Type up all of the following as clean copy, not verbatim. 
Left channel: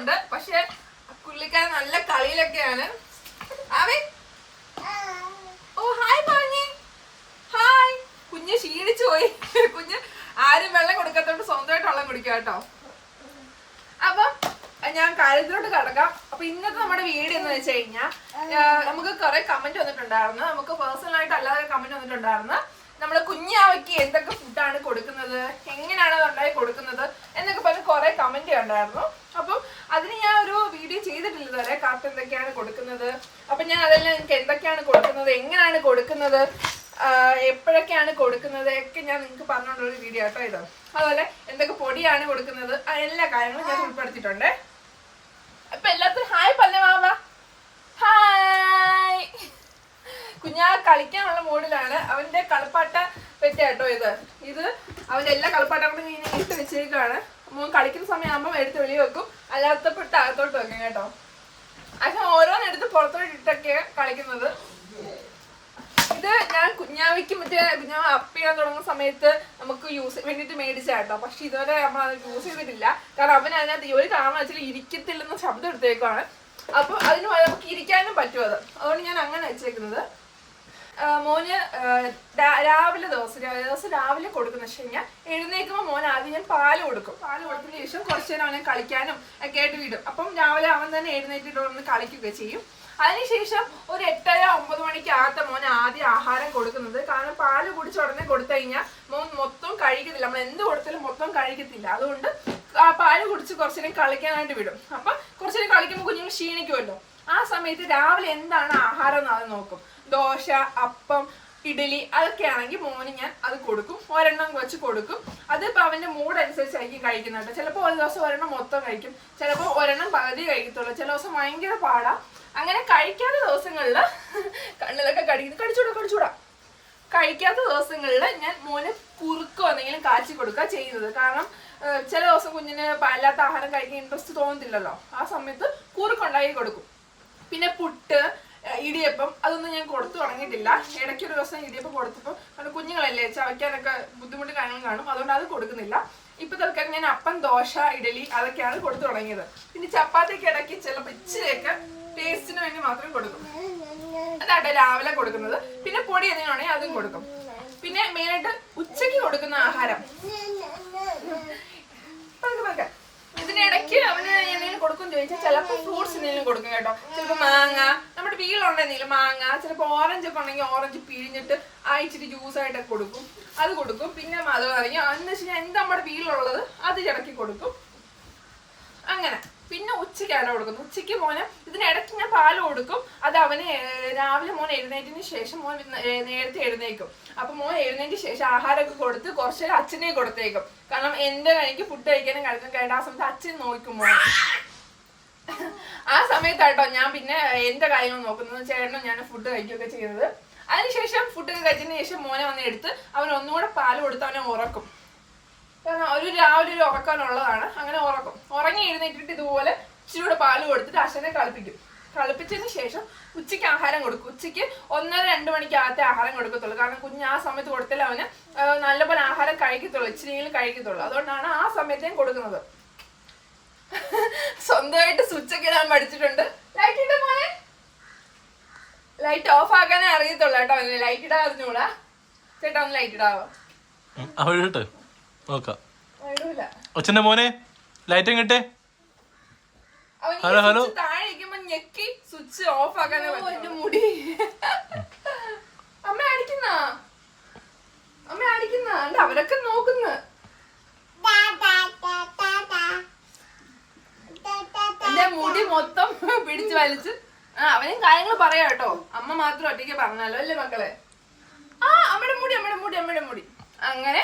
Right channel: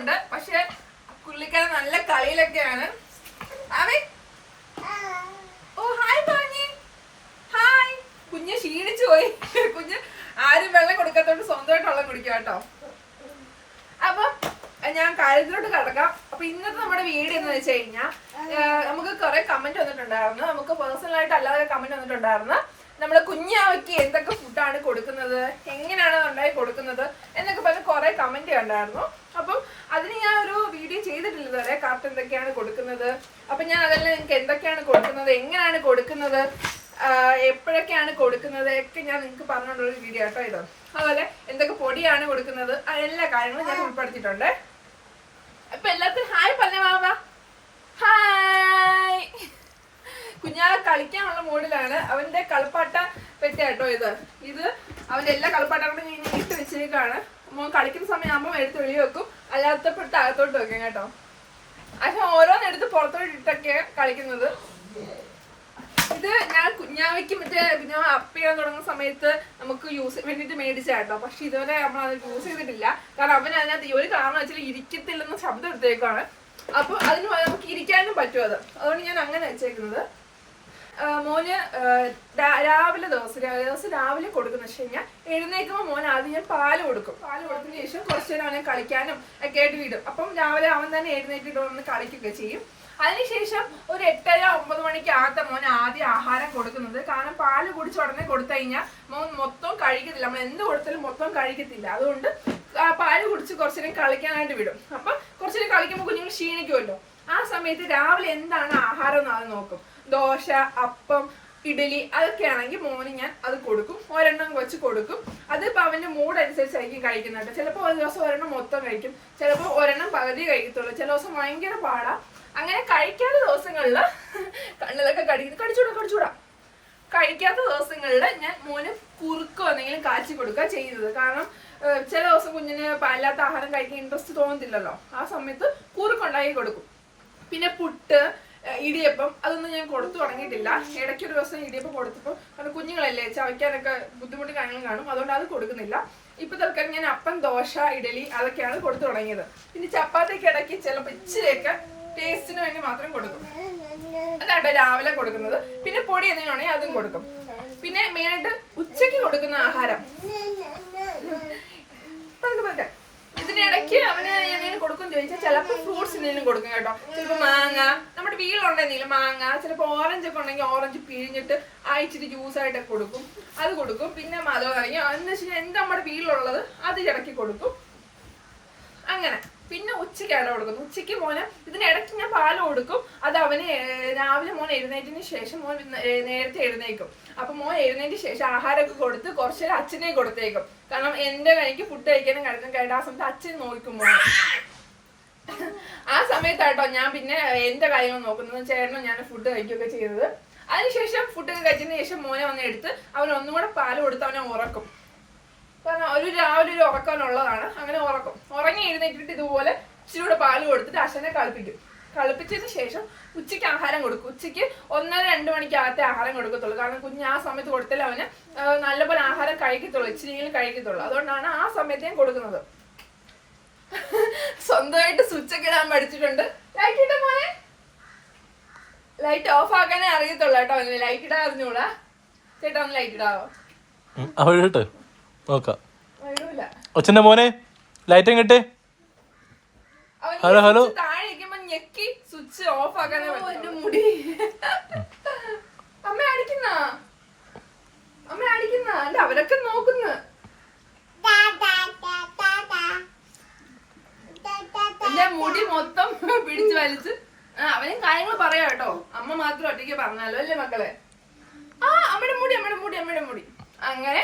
ഉണ്ട്. പക്ഷെ പുള്ളിക്കാരൻ നല്ല കളിയിലൊക്കെയാണ്. ഓ ഹായ് പറഞ്ഞേ. ഹായ്. കുഞ്ഞ് ക്ഷീണിച്ചു പോയി. കുഞ്ഞ് ആരും വെള്ളം കൊടുക്കാത്തോണ്ട് സ്വന്തമായിട്ട് വെള്ളം കുടിക്കുക കേട്ടോ. അപ്പൊ ഞാൻ കാര്യത്തിലോട്ട് കിടക്കാം. അപ്പൊ ഇന്നത്തെ നമ്മുടെ വീഡിയോ എന്ന് വെച്ച് കഴിഞ്ഞാൽ നമുക്ക് കുറെ കമന്റ് വന്നിട്ടുണ്ടായിരുന്നു. നമുക്ക് പേഴ്സണലായിട്ട് അല്ലാതെ കമന്റ് വന്നിട്ടുണ്ടായിരുന്നു. നമ്മള് കുഞ്ഞാവയ്ക്ക് എന്തൊക്കെ ഫുഡാണ് കൊടുക്കുന്നത്, എങ്ങനെയാണ് ഉണ്ടായി കൊടുക്കുന്നത് എന്നൊക്കെ പറഞ്ഞ് കുറെ കമന്റ് കണ്ടായിരുന്നു. അപ്പം അതിന് ഞാൻ ഒരു വീഡിയോ ചെയ്തിട്ടില്ല ഇതുവരെ. കറക്റ്റ് എന്തൊക്കെയാണ് കൊടുക്കുന്നത്, അപ്പൊ ഞാൻ അതെല്ലാം നിങ്ങൾക്ക് എന്തൊക്കെയാണ് കൊടുക്കുന്നത്, എങ്ങനെയാണ് കൊടുക്കുന്നത്, എപ്പോഴൊക്കെയാണ് കൊടുക്കുന്നത് ഒക്കെ ഞാൻ നിങ്ങൾക്ക് പറഞ്ഞുകൊണ്ടൊരു വീഡിയോ കേട്ടോ ഇത്. അതുപോലെ എന്തൊക്കെ പൊടിയാണ് കൊടുക്കുന്നത്, എല്ലാ കാര്യങ്ങളും ഞാൻ ഉൾപ്പെടുത്തിയിട്ടുണ്ട്. അപ്പൊ എല്ലാവർക്കും ഹായ് പറഞ്ഞ മാമ. ഹായ്. കുഞ്ഞാ കളിക്കാനുള്ള മൂഡിലാണ്. അവന്റെ കളിപ്പാട്ട പെറ്റാട്ടോ ഇത്. അവന്റെ എല്ലാ കളിപ്പാട്ടങ്ങളും ഞാൻ ഇട്ട് വെച്ചേക്കാണ്. മോൻ കളിക്കുന്ന സമയമാകുമ്പോൾ എടുത്ത് വെളിയിൽ വെക്കും, അല്ലാത്തപ്പെട്ട് അകത്തോട്ട് വെക്കും കേട്ടോ. പക്ഷെ ഓരോന്നെടുത്ത് പുറത്തോട്ട് ഇട്ടൊക്കെ കളിക്കുന്നത്. ഇത് ഞാൻ കുഞ്ഞാവയ്ക്ക് മറ്റേ കുഞ്ഞാവ അപ്പ് ചെയ്യാൻ തുടങ്ങുന്ന സമയത്ത് നമുക്ക് യൂസ് വേണ്ടിയിട്ട് മേടിച്ചാട്ടോ. പക്ഷെ ഇതുവരെ നമ്മൾ അത് യൂസ് ചെയ്തിട്ടില്ല. കാരണം അവൻ അതിനകത്ത് ഒരു കാരണം വെച്ചാൽ ഇരിക്കത്തില്ലെന്ന് ശബ്ദം എടുത്തേക്കാണ്. അപ്പൊ അതിന് നമുക്ക് ഇരിക്കാനും പറ്റും അത്. അതുകൊണ്ട് ഞാൻ അങ്ങനെ വെച്ചേക്കുന്നത്. മോന് ദിവസം രാവിലെ കൊടുക്കുന്ന വെച്ച് കഴിഞ്ഞാൽ എഴുന്നേക്കുമ്പോൾ മോൻ ആദ്യം ഞാൻ പാല് കൊടുക്കും. പാല് കൊടുത്തതിന് ശേഷം കുറച്ചു നേരം അവനെ കളിക്കാനും ഒക്കെ ആയിട്ട് വിടും. അപ്പം രാവിലെ അവൻ തന്നെ എഴുന്നേറ്റിട്ട് വന്ന് കളിക്കുകയൊക്കെ ചെയ്യും. അതിനുശേഷം ഒരു 8:30-9 മണിക്കകത്ത് മോൻ ആദ്യം ആഹാരം കൊടുക്കുന്നത്. കാരണം പാല് കുടിച്ച് ഉടനെ കൊടുത്തു കഴിഞ്ഞാൽ മോൻ മൊത്തം കഴിക്കത്തില്ല. നമ്മൾ എന്ത് കൊടുത്താലും മൊത്തം കഴിക്കത്തില്ല. അതുകൊണ്ട് പാല് കുടിച്ച് കുറച്ചു നേരം കളിക്കാനായിട്ട് വിടും. അപ്പൊ കുറച്ചു നേരം കളിക്കുമ്പോൾ കുഞ്ഞുങ്ങൾ ക്ഷീണിക്കുമല്ലോ. ആ സമയത്ത് രാവിലെ എന്താണ് ആഹാരം എന്ന് അത് നോക്കും. ദോശ, അപ്പം, ഇഡലി അതൊക്കെ ആണെങ്കിൽ മോന് ഞാൻ അത് കൊടുക്കും. ഒരെണ്ണം വെച്ച് കൊടുക്കും. അതിപ്പോൾ അവന്റെ മൂഡ് അനുസരിച്ചായിരിക്കും കഴിക്കുന്നുണ്ട്. ചിലപ്പോൾ ഒരു ദിവസം ഒരെണ്ണം മൊത്തം കഴിക്കും, ചിലപ്പോൾ ഒരെണ്ണം പകുതി കഴിക്കത്തുള്ളൂ. ചില ദിവസം ഭയങ്കര പാടാ. അങ്ങനെ കഴിക്കാത്ത ദിവസങ്ങളിൽ കണ്ണിലൊക്കെ കടിച്ചൂടാ. കഴിക്കാത്ത ദിവസങ്ങളിൽ ഞാൻ മോന് കുറുക്കോ എന്തെങ്കിലും കാച്ചി കൊടുക്കുക ചെയ്യുന്നത്. കാരണം ചില ദിവസം കുഞ്ഞിന് പാലില്ലാത്ത ആഹാരം കഴിക്കാൻ ഇൻട്രസ്റ്റ് തോന്നുന്നില്ലല്ലോ. ആ സമയത്ത് കുറുക്കുണ്ടാക്കി കൊടുക്കും. പിന്നെ പുട്ട്, ഇടിയപ്പം അതൊന്നും ഞാൻ കൊടുത്തു തുടങ്ങിയിട്ടില്ല. ഇടയ്ക്കൊരു ദിവസം ഇടിയപ്പം കൊടുത്തപ്പോൾ കാരണം കുഞ്ഞുങ്ങളല്ലേ ചവയ്ക്കാനൊക്കെ ബുദ്ധിമുട്ട് കാര്യങ്ങൾ കാണും. അതുകൊണ്ട് അത് കൊടുക്കുന്നില്ല. ഇപ്പൊ തൽക്കാലം ഞാൻ അപ്പം, ദോശ, ഇഡലി അതൊക്കെയാണ് കൊടുത്തു തുടങ്ങിയത്. പിന്നെ ചപ്പാത്തിക്ക് ഇടയ്ക്ക് ചിലപ്പോൾ ഇച്ചിരിയൊക്കെ ടേസ്റ്റിന് വേണ്ടി മാത്രം കൊടുക്കും. അതാട്ടോ രാവിലെ കൊടുക്കുന്നത്. പിന്നെ പൊടി എന്തെങ്കിലും ആണെങ്കിൽ അതും കൊടുക്കും. പിന്നെ മെയിനായിട്ട് ഉച്ചയ്ക്ക് കൊടുക്കുന്ന ആഹാരം ഇതിനിടയ്ക്ക് അവന് എന്തെങ്കിലും കൊടുക്കും ചോദിച്ചാൽ ചിലപ്പോൾ ഫ്രൂട്ട്സ് എന്തെങ്കിലും കൊടുക്കും കേട്ടോ. ചിലപ്പോൾ മാങ്ങ, നമ്മുടെ വീട്ടിലുണ്ടെന്തെങ്കിലും മാങ്ങ, ചിലപ്പോൾ ഓറഞ്ച് ഒക്കെ ഉണ്ടെങ്കിൽ ഓറഞ്ച് പിഴിഞ്ഞിട്ട് അയച്ചിട്ട് ജ്യൂസായിട്ടൊക്കെ കൊടുക്കും. അത് കൊടുക്കും. പിന്നെ മധുരം ഇറങ്ങി എന്ന് വെച്ച് കഴിഞ്ഞാൽ എന്താ നമ്മുടെ വീട്ടിലുള്ളത് അത് ഇടയ്ക്ക് കൊടുക്കും. അങ്ങനെ പിന്നെ ഉച്ചയ്ക്കാണ് കൊടുക്കുന്നത്. ഉച്ചയ്ക്ക് മോന് ഇതിനിടയ്ക്ക് ഞാൻ പാല് കൊടുക്കും. അത് അവന് രാവിലെ മോൻ എഴുന്നേറ്റിന് ശേഷം മോൻ നേരത്തെ എഴുന്നേക്കും. അപ്പൊ മോൻ എഴുന്നേറ്റിന് ശേഷം ആഹാരമൊക്കെ കൊടുത്ത് കുറച്ച് നേരം അച്ഛനെ കൊടുത്തേക്കും. കാരണം എന്റെ എനിക്ക് ഫുഡ് കഴിക്കാനും കഴിക്കാൻ കേട്ട ആ സമയത്ത് അച്ഛൻ നോക്കും മോനെ. ആ സമയത്താട്ടോ ഞാൻ പിന്നെ എന്റെ കാര്യങ്ങൾ നോക്കുന്നത്. ചേട്ടനും ഞാൻ ഫുഡ് കഴിക്കുകയൊക്കെ ചെയ്യുന്നത്. അതിനുശേഷം ഫുഡൊക്കെ കഴിച്ചതിന് ശേഷം മോനെ വന്ന് എടുത്ത് അവൻ ഒന്നുകൂടെ പാല് കൊടുത്ത് അവനെ ഉറക്കും. കാരണം രാവിലെ ഒരു ഉറക്കാനുള്ളതാണ്. അങ്ങനെ ഉറക്കും. ഉറങ്ങി എഴുന്നേറ്റിട്ട് ഇതുപോലെ ഇച്ചിരി കൂടെ പാല് കൊടുത്തിട്ട് അച്ഛനെ കളിപ്പിച്ചതിന് ശേഷം ഉച്ചയ്ക്ക് ആഹാരം കൊടുക്കും. ഉച്ചയ്ക്ക് 1:30-2 മണിക്കകത്തെ ആഹാരം കൊടുക്കത്തുള്ളൂ. കാരണം കുഞ്ഞ് ആ സമയത്ത് കൊടുത്താൽ അവന് നല്ലപോലെ ആഹാരം കഴിക്കത്തുള്ളൂ, ഇച്ചിരിയെങ്കിലും കഴിക്കത്തുള്ളൂ. അതുകൊണ്ടാണ് ആ സമയത്ത് ഞാൻ കൊടുക്കുന്നത്. സ്വന്തമായിട്ട് സ്വിച്ചൊക്കെ ഇടാൻ പഠിച്ചിട്ടുണ്ട്. ലൈറ്റ് ഇട്ട മോനെ, ലൈറ്റ് ഓഫ് ആക്കാനേ അറിയത്തുള്ളൂ കേട്ടോ. അവന് ലൈറ്റ് ഇടാൻ അറിഞ്ഞൂടാ. ചേട്ടാ ഒന്ന് ലൈറ്റ് ഇടാവോ? അച്ഛന്റെ മോനെ ലൈറ്റ് കിട്ടേ. Hello hello. താഴെ ഇരിക്കുമ്പോ ഞെക്കി സ്വിച്ച് ഓഫ് ആക്കാനേ പറ്റും. മുടി അമ്മ അടിക്കുന്ന അവരൊക്കെ നോക്കുന്നു. എന്റെ മുടി മൊത്തം പിടിച്ചു വലിച്ച് അവനും കാര്യങ്ങൾ പറയാ കേട്ടോ. അമ്മ മാത്രം ഒറ്റയ്ക്ക് പറഞ്ഞാലോ അല്ലേ മക്കളെ? അമ്മയുടെ മുടി അങ്ങനെ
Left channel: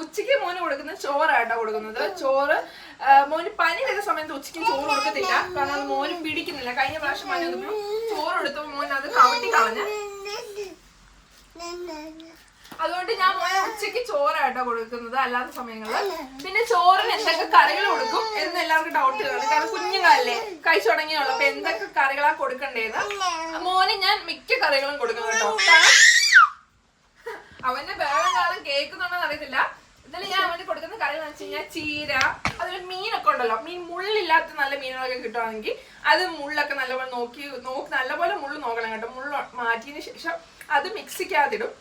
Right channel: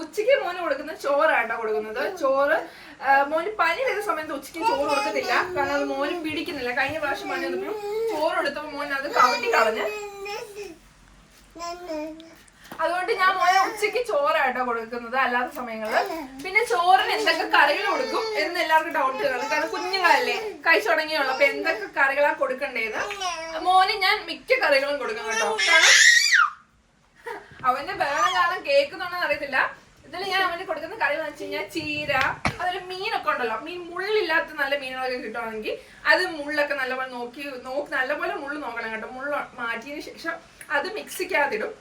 ഉച്ചയ്ക്ക് മോന് കൊടുക്കുന്ന ചോറാട്ടോ കൊടുക്കുന്നത്. ചോറ് മോന് പനി വരുന്ന സമയത്ത് ഉച്ചയ്ക്ക് ചോറ് കൊടുക്കത്തില്ല. കാരണം അത് മോനും പിടിക്കുന്നില്ല. കഴിഞ്ഞ പ്രാവശ്യം പനി വന്നപ്പോൾ ചോറ് എടുത്തപ്പോൾ മോൻ അത് കവട്ടി കളഞ്ഞ്. അതുകൊണ്ട് ഞാൻ മോനെ ഉച്ചയ്ക്ക് ചോറാട്ടോ കൊടുക്കുന്നത് അല്ലാത്ത സമയങ്ങളിൽ. പിന്നെ ചോറിന് എന്തൊക്കെ കറികൾ കൊടുക്കും എന്ന് എല്ലാവർക്കും ഡൗട്ട് കാണും. കാരണം കുഞ്ഞുങ്ങളല്ലേ കഴിച്ചു തുടങ്ങിയുള്ളൂ. അപ്പൊ എന്തൊക്കെ കറികളാ കൊടുക്കണ്ടേന്ന് മോന് ഞാൻ മിക്ക കറികളും കൊടുക്കും കേട്ടോ. കാരണം അവന്റെ ബഹളം കാരണം കേൾക്കുന്നുണ്ടെന്ന് അറിയത്തില്ല. ഇതിൽ ഞാൻ അവന് കൊടുക്കുന്ന കറി എന്ന് വെച്ച് കഴിഞ്ഞാൽ ചീര, അതുപോലെ മീനൊക്കെ ഉണ്ടല്ലോ, മീൻ മുള്ളില്ലാത്ത നല്ല മീനുകളൊക്കെ കിട്ടുവാണെങ്കിൽ അത് മുള്ളൊക്കെ നല്ലപോലെ നോക്കി നല്ലപോലെ മുള്ള് നോക്കണം കേട്ടോ. മുള്ള് മാറ്റിയതിന് ശേഷം അത് മിക്സിക്കകത്തിടും.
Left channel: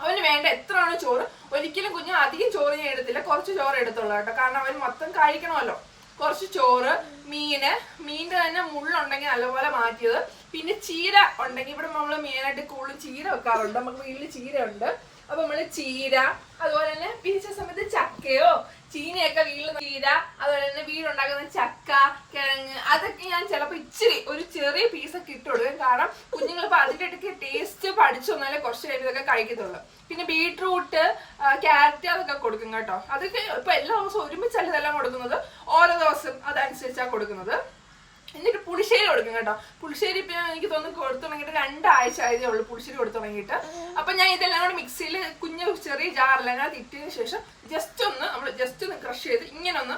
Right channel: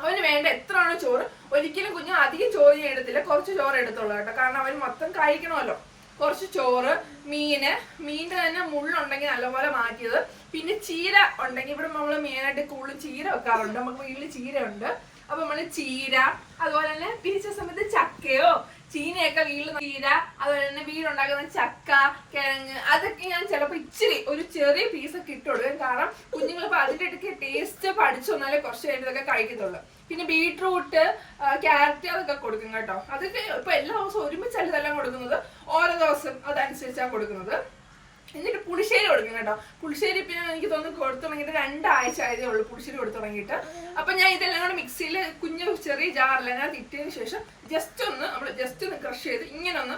അവന് വേണ്ട എത്രയാണോ ചോറ്, ഒരിക്കലും കുഞ്ഞ് അധികം ചോറ് ഞാൻ എടുത്തില്ല, കുറച്ച് ചോറ് എടുത്തുള്ളൂ കേട്ടോ. കാരണം അവൻ മൊത്തം കഴിക്കണമല്ലോ. കുറച്ച് ചോറ്, മീനിന്റെ തന്നെ മുള്ളുണ്ടെങ്കിൽ നല്ലപോലെ മാറ്റിയത്. പിന്നെ ചീര ഉണ്ടെങ്കിൽ ഇവിടെ നമ്മൾ മെയിനായിട്ട് കൂടുതലും ചീര വെക്കാറുണ്ട്. നമുക്ക് വീട്ടിൽ ചീര ഉണ്ട്. അപ്പൊ നമ്മള് ചീര, അതുപോലെ തന്നെ പിരിച്ച സമയത്ത് ചക്കയോ ചീനയൊക്കെ വീട്ടിൽ ചീര, അതുപോലെ തന്നെ വീടുണ്ടാക്കുന്ന ചക്ക, കിഴങ്ങ്, അതൊക്കെ ഞാൻ ചിലപ്പോൾ ഇച്ചിരി ഒരു ചെറിയ പീസൊക്കെ ഇട്ട് കൊടുക്കും. കാരണം കുഞ്ഞുങ്ങളിപ്പോൾ അതിൻ്റെ ഇടയ്ക്ക് ടേസ്റ്റ് പഠിച്ചു വന്നാലേ കുറച്ച് കഴിയുമ്പോൾ ഇതൊക്കെ കഴിക്കത്തുള്ളൂ. പിന്നെ ബീട്രൂട്ട്, ക്യാരറ്റ് അതൊക്കെ കൊടുക്കും കേട്ടോ. അതൊക്കെ ഇപ്പൊ എല്ലാ ദിവസവും ഒരുമിച്ചല്ല ഇതെല്ലാം കൊടുക്കുന്നത്, ഓരോ ദിവസം അതനുസരിച്ചാണ് കൊടുക്കുന്നത്. എന്നിട്ട് പുളിശ്ശേരി കൊടുക്കും കേട്ടോ. പുളിശ്ശേരി ഇപ്പൊ എനിക്ക് തോന്നുന്നു കൊടുത്തു തുടങ്ങിയിട്ട് 2 ആഴ്ച ആയതേ ഉള്ളൂ പുളിശ്ശേരി കൊടുത്തു തുടങ്ങിയിട്ട്. അപ്പൊ ഞാൻ ഇതെല്ലാം കൂടെ മിക്സിയിൽ കുഞ്ഞു ചെറിയ ജാറെല്ലാം ഞാൻ ഇട്ടതിന് ശേഷം ജസ്റ്റ് ഒന്ന് ക്രഷ് ചെയ്ത് ഇങ്ങനെ ഒന്ന്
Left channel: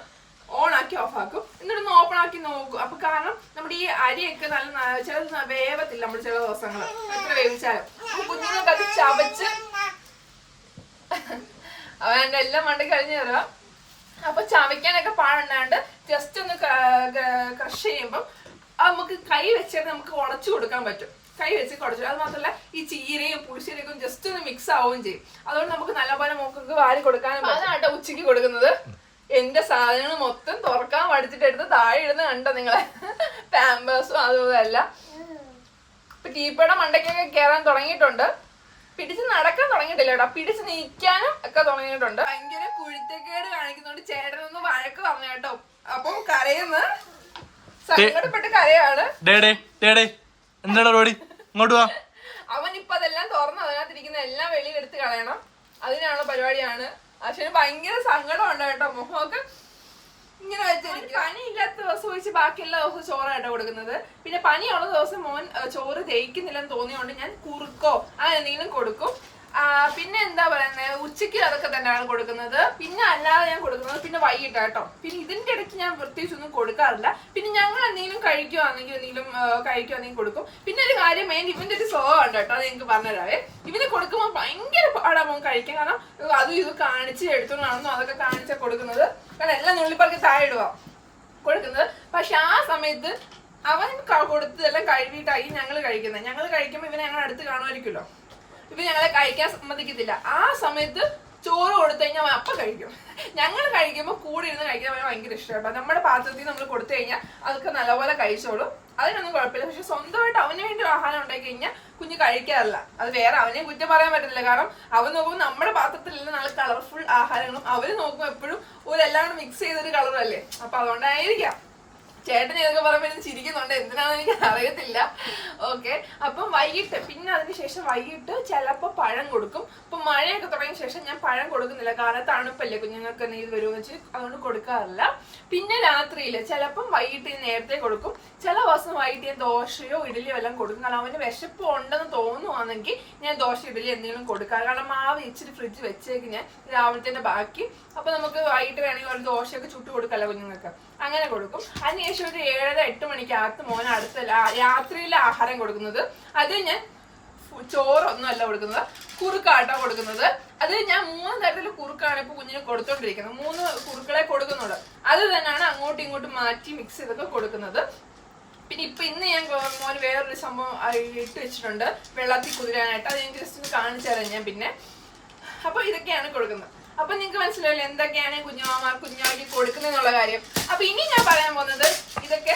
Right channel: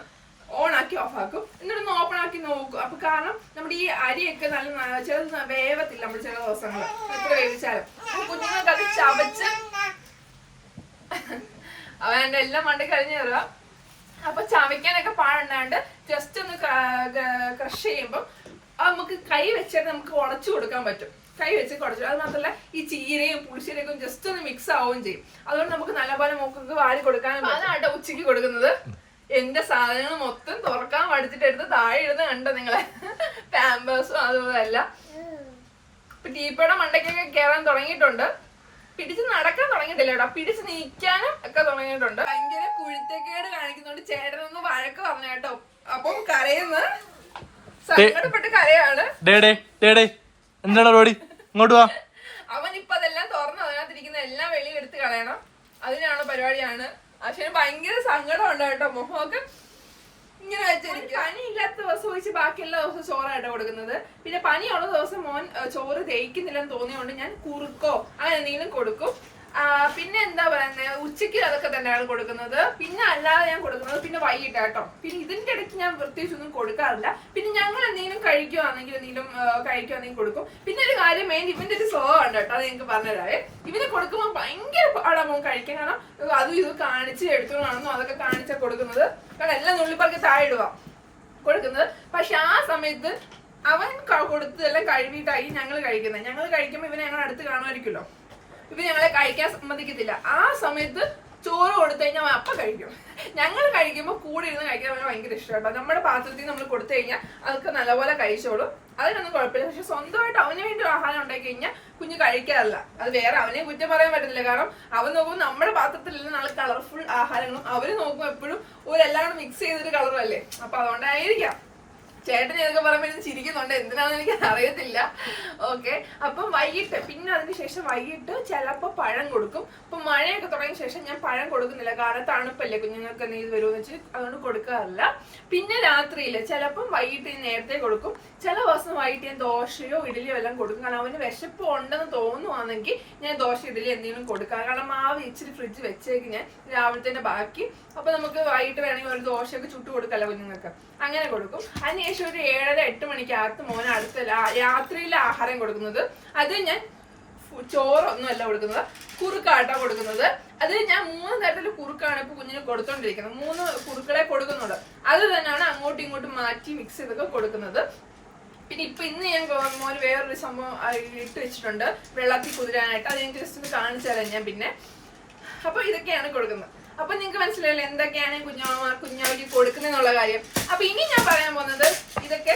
ഓണാക്കി ഓഫാക്കും. എന്നിട്ടൊന്ന് ഓപ്പൺ ആക്കി നോക്കും. അപ്പൊ കാരണം നമ്മുടെ ഈ അരിയൊക്കെ നല്ല ചിലത് വേവത്തില്ല നമ്മൾ ചില ദിവസങ്ങൾ എത്ര വേവിച്ചാലും. അപ്പൊ കുഞ്ഞുങ്ങൾക്ക് അത് ചവച്ച് അവൻ എന്റെ എല്ലാം മണ്ടി കഴിഞ്ഞു തരാം. അപ്പൊ ചവയ്ക്കാനൊക്കെ പാടുണ്ടാണ്ട് ജസ്റ്റ് ഒന്ന് ക്രഷ് ചെയ്യുമ്പോൾ നമുക്ക് കൈ വെച്ചിട്ട് നമുക്ക് ഉടച്ചു കൊടുക്കാൻ പറ്റും. കൈ വെച്ച് കുടച്ചു. അത് മാത്രമല്ല ഈ ചീരയും പുളിശ്ശേരിയൊക്കെ ജസ്റ്റ് ഒന്ന് മിക്സ് ആവുകയും ചെയ്യും. അതുകൊണ്ട് നമുക്ക് നല്ലപോലെ മൂക്ക് വാരി കൊടുക്കാനും. അതാണ് ഉച്ചയ്ക്ക് കൊടുക്കുന്നത്. എന്റെ സാധനങ്ങൾ മൊത്തം തുറക്കാൻ പഠിച്ചിട്ട് എടുത്ത് താഴെ ഇടുന്ന കണ്ടോ നിങ്ങളെ. പാമ്പേഴ്സും അതുപോലെ അല്ല. ഇപ്പൊ ടീപ്പയുടെ മണ്ടയ്ക്കൊക്കെ കയറാൻ തുടങ്ങിയിട്ടുണ്ട്. പിടിച്ച് നടക്കാൻ തുടങ്ങിയിട്ടില്ല കേട്ടോ. പിടിച്ച് നീക്കാനും ഒക്കെ തുടങ്ങിയിട്ടുണ്ട്. ഭയങ്കര കുഴിത്തക്കേട് കാണിക്കുന്നുണ്ട്. ചേട്ടനൊന്ന് വഴക്ക് പറഞ്ഞു കേട്ടോ. അപ്പം കരയുന്ന സങ്കടപ്പെട്ട് കരയാണ്. എന്താണ് പരിപാടി? ഇങ്ങോട്ട് വാ. അവനിപ്പൊ അതെല്ലാം തുറന്ന് അതിനകത്തിരിക്കുന്ന എല്ലാം വെളിയിൽ എടുത്ത് കളയണം. അതിനാണ് പരിപാടിയാണ്. പക്ഷെ ഭയങ്കര സങ്കടമുണ്ട് കേട്ടോ. മുഖമൊക്കെ ഇങ്ങനെ വെച്ചിരിക്കും. പനിയില്ലാത്ത ദിവസം ഒഴിച്ച് ബാക്കി എല്ലാ ദിവസവും ചോറായിട്ടാണ് കൊടുക്കുന്നത്. പിന്നെ പനിയുള്ള ദിവസം മോൻ ചോറ് ദഹിക്കുന്നില്ലെന്ന് തോന്നിയോണ്ട് ഞാൻ കുറുക്കോ അങ്ങനെ എന്തെങ്കിലും കൊടുക്കും. പിന്നെ എന്താ പറയുന്നത്, ഉച്ചയ്ക്ക് അതൊക്കെ തന്നെയാണ് കൊടുക്കുന്നത്. പിന്നെ അല്ലാതെ ഞാൻ കൊടുക്കുന്നത് പിന്നെ വൈകിട്ട് കേട്ടോ. പിന്നെ ഇതിന്റെ ഇടയ്ക്ക് ഞാൻ പ്രത്യേകിച്ചൊന്നും കൊടുക്കാറില്ല. പിന്നെ ഞങ്ങൾ എന്തെങ്കിലും കഴിക്കുവാണെങ്കിൽ കൊടുക്കും. പിന്നെ ഒരു കാര്യം മെയിൻ ഇവന്റെ ഒരു സ്വഭാവം കേട്ടോ, അത് നിങ്ങൾക്ക് പറഞ്ഞുതരാവേ. ഇവന് കൊടുക്കുമ്പോൾ ഭയങ്കര പാടാകുമ്പോൾ കഴിക്കാൻ. കാരണം അതും ഇത് കാണിച്ച് എടുത്തോളാണെന്നോ അതൊക്കെ കാണിച്ചാൽ കൊടുക്കുന്നത്. കാരണം എല്ലാം നുള്ളിപ്പറക്കി താഴെ ഇടുക കൊടുക്കുന്നത്. പക്ഷെ ആ സമയത്ത് അവൻ കൊടുത്തതെല്ലാം കഴുകിയിട്ടായി ഞങ്ങൾ കഴിക്കുന്നത്. ഞങ്ങൾ കഴിക്കുമ്പോൾ ഇവനെ ഞങ്ങൾ അടുത്ത് കാണുമായിരിക്കുമല്ലോ. ഇവ ഞങ്ങളെ കഴിക്കാൻ സമ്മതിക്കത്തില്ല. ആ സമയത്ത് ചോറ് കൊടുത്തു കഴിഞ്ഞാൽ അവൻ അപ്പം കഴിക്കും. ഞങ്ങൾ കഴിക്കുമ്പോൾ കൂടെ ഇരുന്ന് കഴിക്കാൻ അവന് ഭയങ്കര ഇഷ്ടമാണ്. നമ്മുടെ പാത്രത്തിൽ നമ്മൾ കൊടുത്തു കഴിഞ്ഞാൽ അതൊക്കെ നല്ലപോലെ കഴിച്ചോളും. അതിനൊന്നും കുഴപ്പമില്ല. പക്ഷെ സ്വന്തമായിട്ട് അവന് വേണ്ടി ആഹാരം ഉണ്ടാക്കി കഴിഞ്ഞാൽ കുഞ്ഞ് കഴിക്കാറില്ല. അത് വേറെ അവനെ കുറ്റം പറയാൻ പറ്റത്തില്ല. കാരണം അവൻ നോക്കുമ്പോൾ നമ്മുടെ പാത്രത്തിലുള്ള നല്ല കളർഫുൾ ആഹാരങ്ങളും അവര് നോക്കുമ്പോൾ എപ്പോഴും എല്ലാം കൂടെ മിക്സ് ചെയ്തൊരു കളറല്ലേ. അപ്പൊ അതുകൊണ്ടായിരിക്കാം ചേട്ടൻ ഏതൊക്കെ പറയുമ്പോൾ ചിരിക്കുന്നുണ്ട്. എന്തിനാന്ന് എനിക്ക് അറിയത്തില്ല. ഓക്കെ. അപ്പം വൈകിട്ട് പിന്നെ അതിനുശേഷം വൈകിട്ട് ചിലപ്പോൾ പഴം കൊടുക്കും. ഇപ്പൊ മഴയൊക്കെ തുടങ്ങിയ ശേഷം ഞാൻ പഴം കൊടുക്കുന്നില്ല. കാരണം തണുപ്പല്ലേ, കുഞ്ഞുങ്ങൾക്ക് എന്തെങ്കിലും വരുമെന്ന് വെച്ച് അതുകൊണ്ട് കൊടുക്കാറില്ല. പിന്നെ രാത്രിയിൽ ചിലപ്പം വൈകിട്ട് നേരത്തെ കൊടുക്കും. ചില ദിവസം വൈകിട്ട് ഞാൻ ദോശയോ ഇഡലിയോ എല്ലാം കൊടുക്കും. കാരണം അവന് വിശപ്പ് ഉണ്ടെന്ന് തോന്നുവാണെങ്കിൽ ഞാൻ ദോശ ഇഡലി എന്തെങ്കിലും കൊടുക്കാം. കാരണം മാവ് ഇച്ചിരി ഫ്രിഡ്ജ് വെച്ചേക്ക് ഞാൻ രാവിലത്തെ ബാക്കി. അപ്പൊ നമുക്ക് വൈകിട്ട് വേണമെങ്കിൽ ഒരു ദോശയൊക്കെ ചുട്ട് കൊടുക്കല്ലോ കുഞ്ഞുങ്ങൾക്ക്. അങ്ങനെ കൊടുക്കും. അതിനുശേഷം ഒരു 7-8 മണിക്കകത്ത് മോൻ അടുത്ത രാത്രിയിലെ ആഹാരം കൊടുക്കുന്നത്. അത് ഞാൻ ചോറൊന്നും അല്ല കൊടുക്കുന്നത്, കുറുക്കാട്ടോ കൊടുക്കുന്നത്. അത് ഞാൻ 3 തരത്തില് കുറുക്കാണ് ഇപ്പൊ കുഞ്ഞിന് കൊടുത്തോണ്ടിരിക്കുന്നത്. 3 കുറുക്കളെ കൊടുക്കുന്നുള്ളൂ. അത് തന്നെയാണ് അങ്ങോട്ടും ഇങ്ങോട്ടും മാറ്റി മിക്സ് ചെയ്തൊക്കെ കൊടുക്കുന്നത്. പിന്നെ ഇന്ന് ഞാൻ മോന് വേറൊരു സംഭവം ഇട്ട് വെച്ചിട്ടുണ്ട് വെള്ളത്തിൽ കുതിരാനായിട്ട്. അത് എനിക്ക് ജസ്റ്റ് ഒന്ന് കാണിച്ചു തരാം ഞാൻ പിന്നെ. അപ്പൊ ഇതൊക്കെയാണ് കൊടുക്കുന്നത്. അപ്പൊ നിങ്ങക്ക് മനസ്സിലായില്ലേ എന്തൊക്കെയാണ് കുഞ്ഞാവയ്ക്ക് കൊടുക്കുന്നതെന്നുള്ള കാര്യം. അപ്പൊ ഇനി ഞാൻ പറയാൻ പോകുന്നത് ഇതൊക്കെ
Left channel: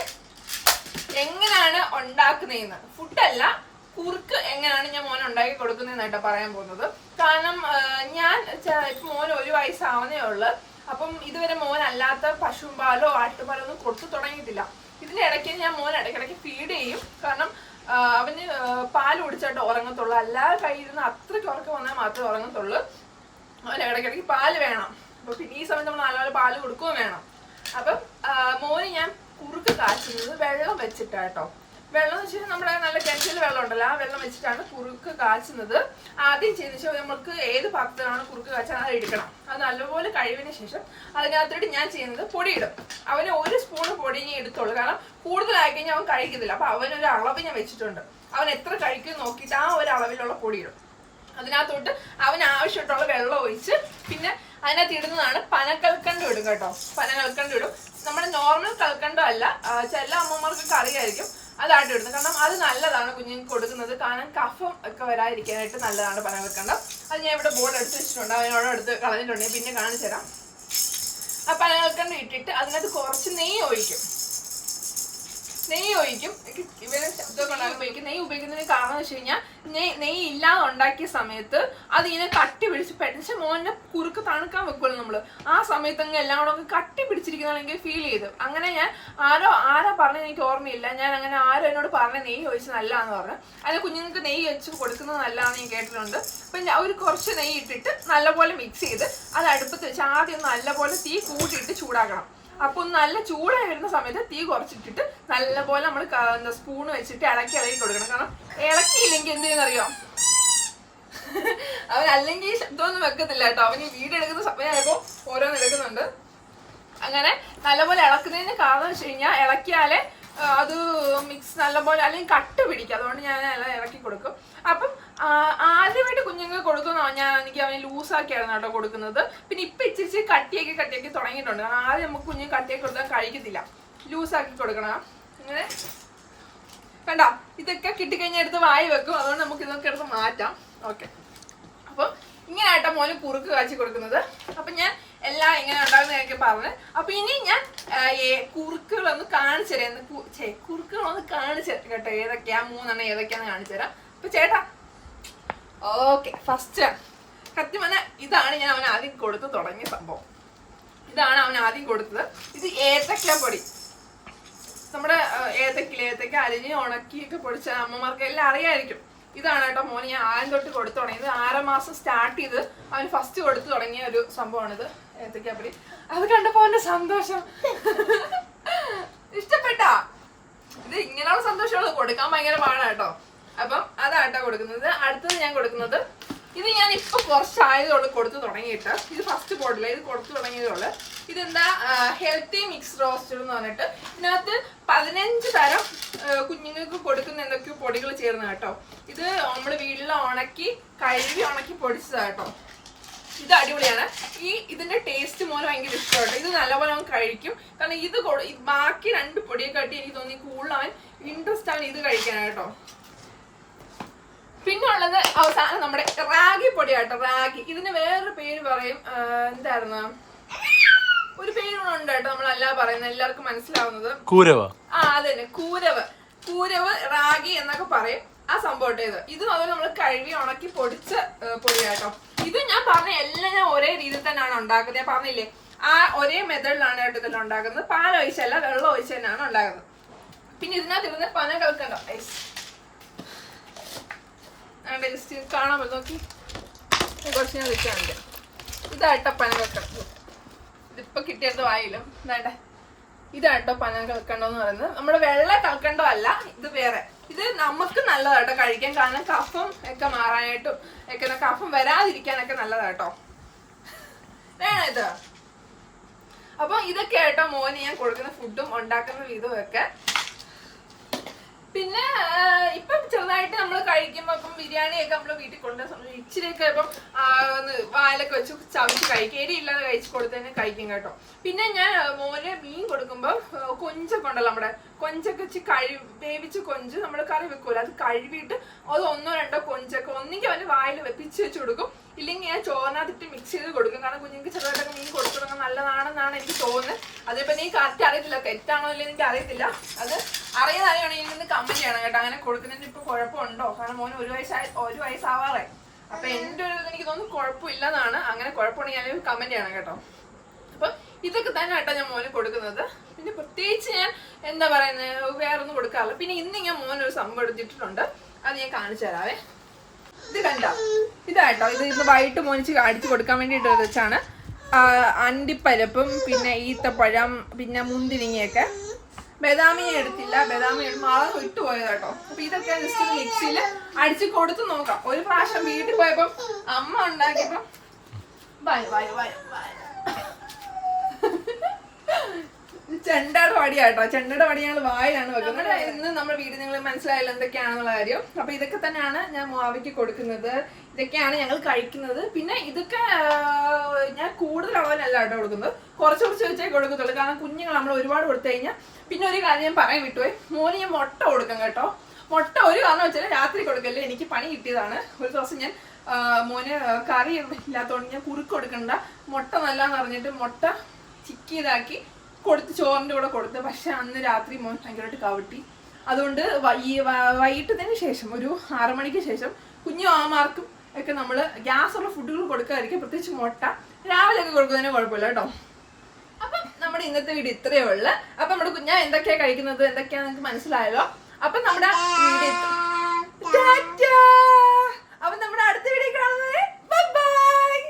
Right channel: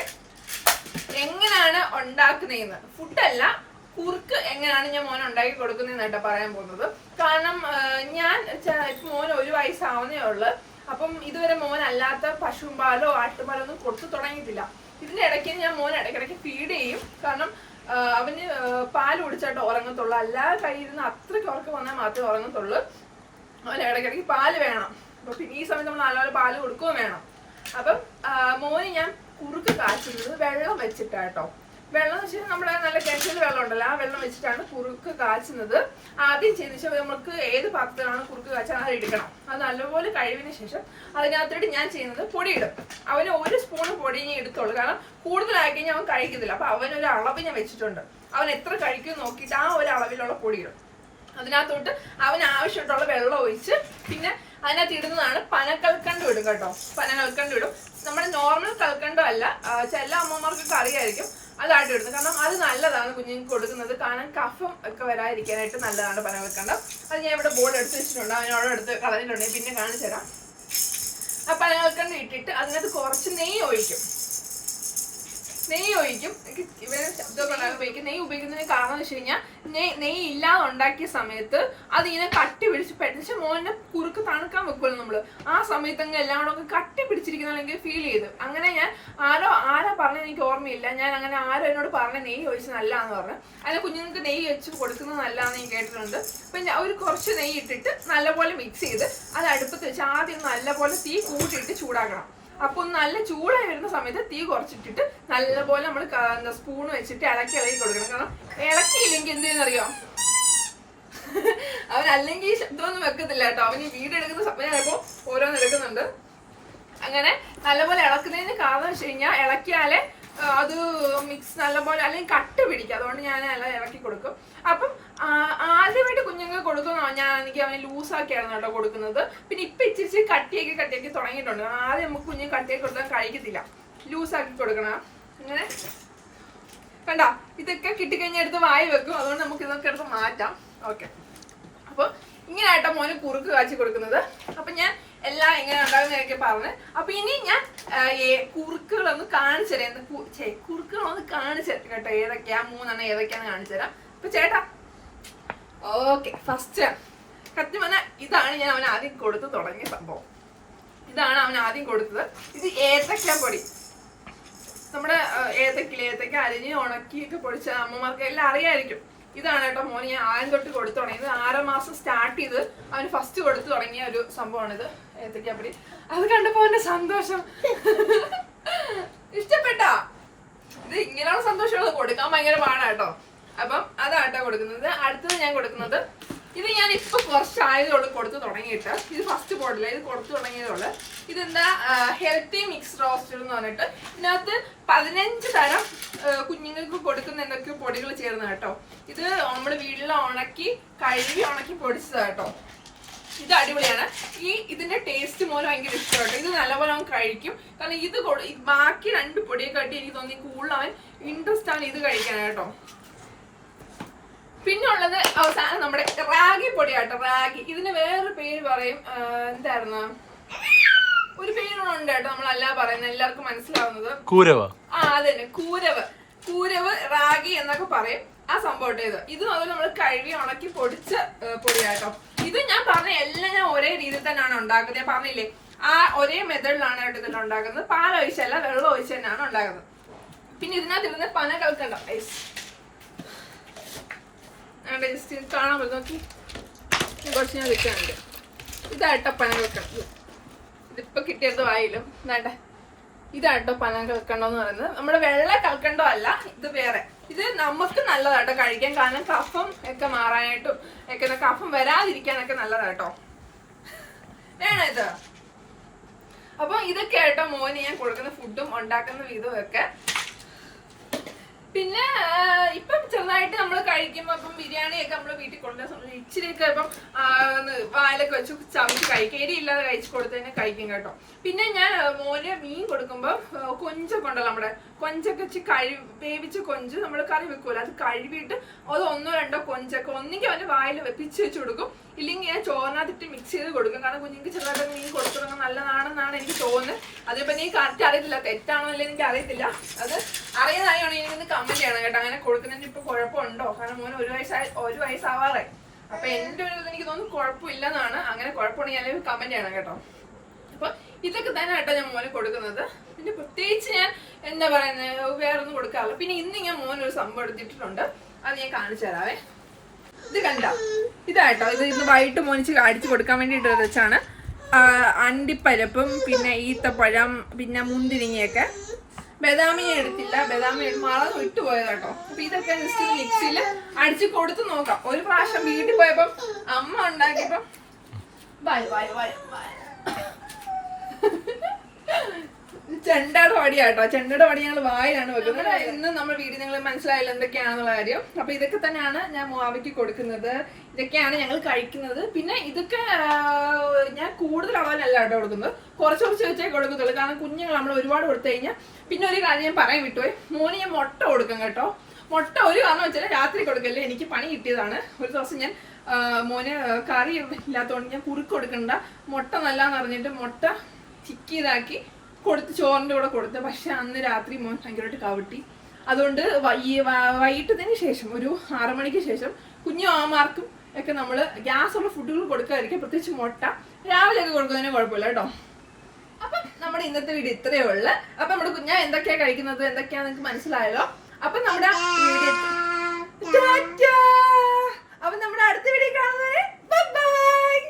എങ്ങനെയാണ് ഉണ്ടാക്കുന്നതെന്ന്. ഫുഡല്ല, കുറുക്ക് എങ്ങനെയാണ് ഞാൻ മോൻ ഉണ്ടാക്കി കൊടുക്കുന്നതെന്നായിട്ടാ പറയാൻ പോകുന്നത്. കാരണം ഞാൻ മോൻ 1 വയസ്സാവുന്നേ ഉള്ളു. അപ്പം ഇതുവരെ മോൻ അല്ലാത്ത പശുവും പാലോ ആട്ടുപാലോ ഒന്നും കൊടുത്തു തുടങ്ങിയിട്ടില്ല. ഇതിന്റെ ഇടയ്ക്ക് ഞാൻ മോൻ ഇടയ്ക്കിടയ്ക്ക് ഫീഡ് ചെയ്യും. കാരണം അവന് പാല് കുടിച്ചായിട്ട് ഉറങ്ങത്തുള്ളൂ. അല്ലാതെ കയ്യിരുന്ന് അത്രയ്ക്ക് ഉറക്കം വന്നാൽ മാത്രമേ ഉറങ്ങത്തുള്ളൂ. അവന് ഇടയ്ക്കിടയ്ക്ക് പാല് വേണം. അപ്പൊ പിന്നെ ഈ സമയത്ത് നമ്മൾ നല്ലപോലെ പാല് കൊടുക്കുകയും വേണം. അപ്പം മോന് ഞാൻ കുറുക്ക് കാച്ചുന്നത് വെള്ളം വെച്ചിട്ടാട്ടോ. വെള്ളം എന്ന് വെച്ചാൽ നമ്മുടെ നല്ല കെറ്റിൽ വെള്ളം ഉണ്ടല്ലോ, ആ വെള്ളം വെച്ചിട്ടാണ് കുറുക്ക് കാച്ചുന്നത്. ആദ്യം ചെയ്ത ശേഷം നമുക്ക് ഏത് പാത്രത്തിലാണോ കുറുക്ക് കാച്ചാൽ അത് എടുക്കണം. അത് നല്ലപോലെ കഴിവിന് ശേഷം അതിനകത്തോട്ട് ഞാൻ ചെയ്യുന്നത് പൊടി ഇടും. അവന് 1 സ്പൂൺ പൊടി ഞാൻ എടുത്തോളൂ. കാരണം കൂടുതലായി കഴിഞ്ഞാൽ അവൻ കഴിക്കത്തില്ല. അപ്പൊ അവനൊരു അളവ് ഞാൻ വെച്ചിട്ടുണ്ട്. അവൻ എത്ര കഴിക്കും നോക്കിയിട്ട് ആ ഒരു അളവിലുള്ള പൊടി ഇടും. അതിനകത്തോട്ട് അവന് ആവശ്യമായിട്ടുള്ള വെള്ളം ഒഴിച്ച് പിന്നെ അതിനകത്ത് ഇടുന്നതാണ് പനക്കൽക്കണ്ടം ഇടും കേട്ടോ. പനക്കൽക്കണ്ടം ഇടും. നമ്മുടെ നോർമൽ കൽക്കണ്ടം അല്ല, ചില അമ്മമാർക്കൊക്കെ അറിയായിരിക്കും. അതാണ് ഇടുന്നത്. കാരണം അത് നല്ലതാണ് കുഞ്ഞുങ്ങൾക്ക് കൊടുക്കുന്നത്. കാരണം കഫം ഒക്കെ വരാതിരിക്കാനായിട്ട് നല്ലതാണ് പനക്കൽക്കണ്ടം. അത് ഞാൻ ഇവിടെ ബോർഡ് എടുത്ത് വെച്ചിട്ടുണ്ട്, അതിനോട് എടുത്ത് കളഞ്ഞിട്ടുണ്ടെങ്കിൽ പിന്നെ കാണിച്ചു തരാം. ആ പനക്കൽക്കണ്ടം ഇട്ടിട്ട് അതിനകത്ത് കുറച്ച് നെയ്യ് ഒഴിക്കും. ഇവരെ ശബ്ദമൊക്കെ ഉപയോഗിക്കും. നെയ്യ് ഉപയോഗിക്കുന്നതിന് കാരണം എന്ന് വെച്ച് കഴിഞ്ഞാൽ നെയ്യ് ഇല്ലാതെ ഉണ്ടാക്കിയ സമയത്ത് അതിങ്ങനെ കട്ടി പിടിച്ച് പെട്ടെന്ന് മോനെ കുറുക്ക് തണുക്കാൻ വെക്കുമല്ലോ നമ്മള്. ആ സമയത്തങ്ങ് എല്ലാം കൂടെ ഒക്കെ കട്ടി പിടിച്ചിരിക്കുന്നതാണെങ്കിൽ ഫീൽ ചെയ്തു. അങ്ങനെ ഞാൻ ആരാ പറഞ്ഞത് എനിക്ക് ഓർമ്മയില്ല. ഞാൻ അങ്ങനെ ആരും എന്നോട് പറഞ്ഞ നെയ്യ് ഒഴിച്ച് നല്ലതാന്ന് പറഞ്ഞു. അതിന് കുഞ്ഞുങ്ങൾക്ക് നെയ്യ് വെച്ച് കൊടുക്കുന്നത് നല്ലതാണെന്ന് ഞാൻ കേട്ടിട്ടുണ്ട്. അപ്പം ഒരു കുറച്ച് നെയ്യ് ഇട്ടിട്ട് നല്ലപോലെ മിക്സ് ചെയ്ത് അത് അടുപ്പത്ത് വെച്ച് ആദ്യം നല്ലപോലെ തീ കൂട്ടിയിട്ട് ചൂടാക്കണം. അപ്പൊ നല്ല ചൂടായി വരുന്ന സമയത്ത് തീ കുറച്ചിട്ടിട്ട് നല്ലപോലെ നമ്മൾ സ്പൂൺ വെച്ചിട്ട് ഇളക്കി കൊടുക്കണം. കാരണം ഇളക്കിയില്ലെങ്കിൽ എന്ത് ചെയ്യുന്നറിയോ, അവനല്ലെങ്കിൽ ശബ്ദമൊന്നും വെക്കത്തില്ല കേട്ടോ. അവന് വീടെടുക്കുന്ന സമയമായപ്പോ ഓരോന്ന് എടുക്കുന്നുണ്ട്. അങ്ങനെ നല്ലപോലെ ഇളക്കുന്നതിന് കാരണം വെച്ച് കഴിഞ്ഞാൽ ഇളക്കിയാലേ അത് മിക്സ് നല്ലപോലെ അല്ലെങ്കിൽ കട്ട് പിടിക്കും. അതുകൊണ്ട് ഞാൻ എല്ലാം ഇളക്കി കൊടുക്കും. അപ്പം ആദ്യമായിട്ട് കുഞ്ഞുങ്ങൾക്ക് കൊടുക്കുന്ന എനിക്ക് അവനെ ലൂസാക്കിയായിരുന്നു കേട്ടോ കൊടുക്കുന്നത്. പിന്നെ ഇപ്പൊ ഇച്ചിരി കട്ടിയാക്കി തുടങ്ങിയിട്ടുണ്ട്. കാരണം ആദ്യം നമുക്ക് കുഞ്ഞിന് കട്ടിയാക്കി കൊടുക്കാൻ കഴിക്കത്തില്ല, ലൂസാക്കി കൊടുക്കണം. അങ്ങനെ കണ്ടോ, ഇതൊക്കെ കിട്ടിക്കഴിഞ്ഞാൽ എടുത്ത് വായി വെക്കും. അതുകൊണ്ട് നമുക്ക് ഇതൊക്കെ എടുത്ത് മാറ്റാം. ഓക്കെ, അപ്പൊ ഇങ്ങനെയാട്ടോ മോന് കുറുക്ക് കാച്ചി കൊടുക്കുന്നത്. അപ്പൊ ഞാൻ എല്ലാം ഇങ്ങനെ ഉണ്ടാകുന്നതൊക്കെ പറഞ്ഞു. അപ്പൊ ഇനി ഞാൻ കുറുക്കുകളൊന്ന് കാണിച്ചു തരാം. കുറുക്കുകളൊന്ന് കാണിച്ചു തരാം കേട്ടോ. ഏതൊക്കെയാ 3 ഏതൊക്കെയാന്ന് കാണിച്ചു തരാം. അപ്പൊ ചേട്ടാ, ഓക്കെ, ഫസ്റ്റ് സത്യം പറഞ്ഞാൽ ഇതാണ് ഞാൻ അവൻ ആദ്യം കൊടുത്ത് തുടങ്ങിയ സംഭവം. ഇതാണ് അവൻ ആദ്യം കൊടുത്തത്. ഇത് ഏത്തക്ക പൊടി. നമ്മുടെ ഏത്തക്ക അരിഞ്ഞ് ഉണക്കിയൊക്കെ പൊടിച്ച അമ്മമാർക്ക് എല്ലാം അറിയായിരിക്കും. ഇതാണ് കേട്ടോ മോന് ഞാൻ ആദ്യം തൊട്ട് കൊടുത്തു തുടങ്ങിയത്. 6 മാസം സ്റ്റാർട്ട് ചെയ്ത് അവന് ഫസ്റ്റ് കൊടുത്തു തുടങ്ങിയ ഒരു സംഭവമാണിത്, ഏത്തക്കാപ്പൊടി. അത് കണ്ടപ്പോ അവന്റെ സന്തോഷം ഇഷ്ടപ്പെട്ടാ. ഇത് ഇങ്ങനെയുള്ള സന്തോഷമുള്ളത് കൊടുക്കാൻ ഭയങ്കര പാടാട്ടോ. അപ്പം അതാട്ടോ കൊടുക്കുന്നത്. അടുത്തത് ഞാൻ കൊടുക്കുന്നത്, ഇത് ഞാൻ ഇപ്പൊ കുറച്ചായതോട് കൊടുത്തു തുടങ്ങിയിട്ട്, ഇത് ഫസ്റ്റ് ബോട്ടില, ഇത് കൊടുത്തു തുടങ്ങിയതോട്. ഇതെന്താ ഹെൽത്തി മിക്സ് റോസ്റ്റഡ് എന്ന് പറഞ്ഞിട്ട് ഇതിനകത്ത് 15 തരം കുഞ്ഞുങ്ങൾക്ക് കൊടുക്കുന്ന എന്തൊക്കെയോ പൊടികൾ ചേർന്ന് കേട്ടോ. ഇത് നമ്മൾ വീട്ടിൽ കഴുകി ഉണക്കി പൊടിച്ചതാ കേട്ടോ. ഇത് അടിപൊളിയാണ്. ഇതിന്റെ ടേസ്റ്റ് മോനെ ഭയങ്കര ഇഷ്ടമായിട്ട്. ഇത് നല്ലപോലെ അവൻ കഴിക്കും. കാരണം ഇത് ബാക്കി 2 പൊടിയെ കാട്ടി എനിക്ക് തോന്നി കൂടുതൽ അവൻ ഇൻട്രസ്റ്റ് ആണ് ഇത് കഴിക്കാനായിട്ടോ. പിന്നെ ഉള്ളത് അവസാനം നമ്മുടെ റാഗി പൊടിയാട്ടോ. റാഗി, ഇതിന് വേറൊരു പേര് പറയും, എന്തായിരുന്നു, ഒരു പേരുണ്ട് കേട്ടോ, നമ്മളല്ല പറയുന്നത്, എല്ലാവർക്കും മനസ്സിലാവുന്നത് കൂരവ. അതന്നെ, കൂരവ് റാഗി എന്നൊക്കെ പറയും. ആ സംഭവം ഇത് അതുപോലെ നമ്മൾ കഴുകി ഉണക്കി പൊടിച്ച പൊടിയാട്ടോ. ഇത് ഞാൻ പറഞ്ഞ എല്ലാം ഞാൻ ഒരേ രീതിയിൽ തന്നെയാണ് ഉണ്ടാക്കുന്നത്. ഞാൻ പറഞ്ഞില്ലേ, ആ ഒരേ മെത്തേഡിലാണ് കേട്ടോ ഇതെല്ലാം ഉണ്ടാക്കുന്നത്. പാലൊഴിച്ചല്ല, വെള്ളം ഒഴിച്ച് തന്നെയാണ് ഉണ്ടാക്കുന്നത്. പിന്നെ ഇതിനകത്ത് ഇരുന്ന് പനകൽക്കണ്ടം ജസ്റ്റ് കാണാൻ പറ്റും. നോക്കി, കുറച്ച് ഞാൻ വെക്കാനുണ്ട്. ഇതാട്ടോ പനകൽക്കണ്ടം. ഇതിപ്പോ കിട്ടിയത് വായിലും ഇതാട്ടെ. ഇതാട്ടോ പനകൽക്കണ്ടം എന്ന് പറയുന്നത്. നമ്മുടെ വെള്ള കൽക്കണ്ടം അല്ല, ഇത് വേറെ. ഇത് നമുക്ക് നല്ലതാട്ടോ കഴിക്കാൻ. കാരണം കഫം ഒക്കെ മാറാനായിട്ടും ഒക്കെ, കഫം വരാതിരിക്കാനൊക്കെ നല്ലതാട്ടോ. വേണം ഇത്. അപ്പൊ ഇതൊക്കെ ആട്ടോ മോന് ഞാൻ കൊടുക്കുന്ന ഫുഡും ഉണ്ടാക്കുന്ന വിധവും ഒക്കെ. പിന്നെ ഇപ്പം ചെറുതായിട്ട് നമ്മൾ കഴിക്കുമ്പോ ഇപ്പം ബിരിയാണിയൊക്കെ നമ്മള് വീട്ടിൽ കൊണ്ടുവന്ന ഇച്ചിരിയൊക്കെ ഇപ്പം വായിലൊക്കെ വെച്ച് ചവിച്ച് കഴിക്കും. എരിയില്ലാതെ കഴിച്ചു കൊടുത്തതിന് കഴിക്കും കേട്ടോ. പിന്നെ ഞാൻ മോന് മീൻ കൊടുക്കുമ്പോ കൊഞ്ചൊക്കെ ഉണ്ടല്ലോ, നമ്മുടെ കൊഞ്ചൊക്കെ വെച്ച് വേവിച്ച് കൊഞ്ച് നമ്മൾ കറി വെക്കൂല, അത് കഴുകിയിട്ട് അത് 1-2 കൊഞ്ചൊക്കെ ഒന്നെങ്കിൽ അവന് വായിൽ വെപ്പിച്ച് വെച്ച് കൊടുക്കും, ഇല്ലെങ്കിൽ ഞാൻ ചോറിനകത്തിട്ട് മിക്സ് ചെയ്ത് കൊടുക്കും. കാരണം കുഞ്ഞുങ്ങൾക്ക് ചെറുതായിട്ടൊക്കെ മീൻ കൊടുത്തു തുടങ്ങാൻ നല്ലതാണെന്നാണ് എനിക്ക് തോന്നുന്നത്. അതിപ്പോ നീ കറക്റ്റ് അറിയത്തില്ല, തെറ്റാണോ അല്ലേ എനിക്ക് അറിയത്തില്ല. അത് അറിയാണെങ്കിൽ കമന്റ് ചെയ്യണം കേട്ടോ. അങ്ങനെ കൊടുക്കുന്നതിന് ഇപ്പൊ കുഴപ്പമുണ്ടോ? കാരണം മോന് 1 വയസ്സാവാറേ. അപ്പൊ എന്റെ ഒരു എനിക്ക് തോന്നുന്നു കുഴപ്പമില്ലെന്നാണ്. അങ്ങനെ കുഴപ്പമുണ്ടെങ്കിൽ ഞാൻ കമന്റ് ചെയ്യണം കേട്ടോ. അപ്പൊ ഇതൊക്കെ തന്നെ കേട്ടോ ഞാൻ മോന് കൊടുക്കുന്നത്. പിന്നെ പ്രത്യേകിച്ച് ഞാൻ എന്താ പറയുന്നത്, വേറൊന്നും കൊടുക്കാറില്ല. പിന്നെ ഇന്ന് ഞാൻ മോനൊരു സംഭവം എടുത്തിട്ടുണ്ട്, അത് ഞാൻ കാണിച്ചു തരാവേ. ഇത് കണ്ടോ, ഇതാട്ടോ. ഇത് ഇന്ന് വൈകിട്ട് മോനിച്ച് അടിച്ചു കൊടുക്കാൻ വേണ്ടിയിട്ട് വെച്ചാണ്. അണ്ടിപ്പരപ്പും പിന്നെ ഈത്തപ്പഴം പിന്നെ മുന്തിരിങ്ങയൊക്കെ. ബദാമി എടുത്തില്ല, ബദാമി മറന്ന് വിട്ടുപോയത് കേട്ടോ. അപ്പൊ ഇതൊക്കെ ജസ്റ്റ് മിക്സിയിൽ അടിച്ചു കൊടുത്ത് നോക്കാം. ഒരു പ്രാവശ്യം വീട്ടിൽ പോയപ്പം അമ്മ ഉണ്ടാക്കിയപ്പം ചെണ്ടയുടെ വടിയാട്ടോ. ചെണ്ടയുടെ വടി ഞങ്ങൾ വായിലാണ് വെക്കുന്നത്. ഇന്ന് നമ്മുടെ വീട് നിങ്ങൾ മനസ്സിലായില്ല എന്തൊക്കെയാണെന്നുള്ള കാര്യം. അപ്പൊ ഇതൊക്കെ തന്നെയാണ് ഞാൻ മുവാവയ്ക്ക് കൊടുക്കുന്നത്. ഇതൊക്കെയാണ് ഞങ്ങൾ കഴിക്കുന്നത്. പിന്നെ ഇതൊക്കെ ഞാൻ കൂടുതൽ അളവിലല്ല കേട്ടോ കൊടുക്കുന്നത്, കുറച്ച് കുറച്ച് വെച്ചേ കൊടുക്കത്തുള്ളൂ. കാരണം കുഞ്ഞുങ്ങൾ നമ്മൾ ഒരുപാട് കൊടുത്തു കഴിഞ്ഞാൽ പിന്നെ ഒരു കാര്യം ഞാൻ പറയാൻ വിട്ടുപോയി, മോന് ഞാൻ മുട്ട കൊടുക്കും കേട്ടോ. മുട്ട ഒരു കാരണം വെച്ചാൽ രാത്രി കൊടുക്കല്ലേ, എനിക്ക് പണി കിട്ടിയതാണ്. ഒരു ദിവസം ഞാൻ മോന് കറി ഇല്ലാത്തതുകൊണ്ട് ഞാൻ കുറുക്ക് കൊടുക്കണ്ട, മുട്ട നല്ലതെന്ന് പറഞ്ഞിട്ട് മുട്ട ചിക്കിയതാക്കി കൊടുത്ത് ചോറിൻ്റെ കൂടെ കൊടുത്ത്. പക്ഷെ അന്ന് രാത്രി മോൻ ഭയങ്കരമായിട്ട് കവിട്ടി. അതുകൊണ്ട് വൈകിട്ടതിന് ശേഷം ഒരു 6 മണിക്ക് ശേഷം കുഞ്ഞു മാമാർക്കും ഒക്കെ നമ്മൾ ഗ്യാസുള്ള ഫുഡുകൾ കൊടുക്കാതിരിക്കും, പ്രത്യേകിച്ച് മുട്ട രാവിലെ ഒക്കെ കൊടുക്കുന്നതിന് കുഴപ്പമില്ല കേട്ടോ. അപ്പം നമ്മുടെ ഇന്നത്തെ വീഡിയോ ഇത്രയേ ഉള്ളു. അപ്പൊ നമ്മുടെ കുഞ്ഞാ എന്തൊക്കെയാ കഴിക്കുന്നത് എന്തൊക്കെയാ നിങ്ങൾക്ക് മനസ്സിലായല്ലോ. അപ്പൊ നമ്മുടെ അപ്പൊ നമ്മുടെ അടുത്ത വീഡിയോ കാണുന്നവരെ ബൈ.